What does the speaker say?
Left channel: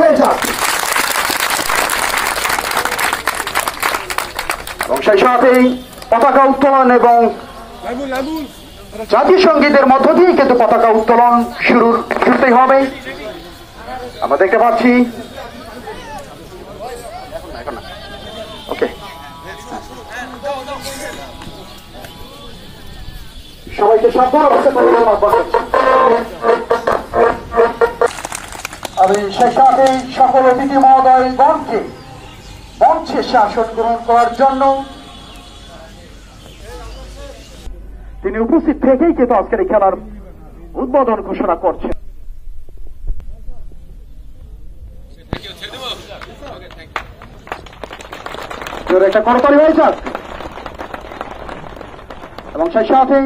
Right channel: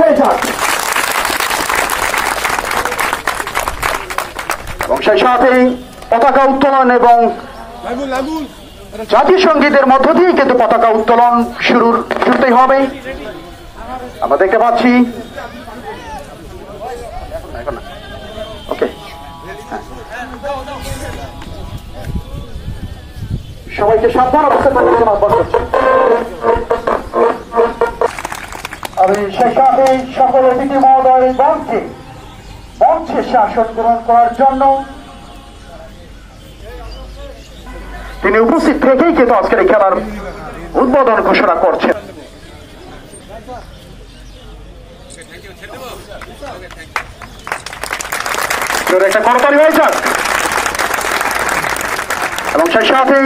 হয়ে যাক এবং সেই সাথেই পতাকা উত্তোলন এবং জাতীয় সঙ্গীতের মধ্য দিয়ে কিন্তু পতাকা উত্তোলন শুরুতেই হবে। আমরা দেখতে পাচ্ছি সবাইকে সাবধান অবস্থায় আমি সেই সাথে সকল অতিথি মহোদয় মঞ্চে আসন গ্রহণ করার জন্য তিনি উপস্থিত থেকেই কিন্তু আজকের এই খেলার উদ্বোধন ঘোষণা করছেন। একটা করতালি হয়ে যাক এবং সেই সাথে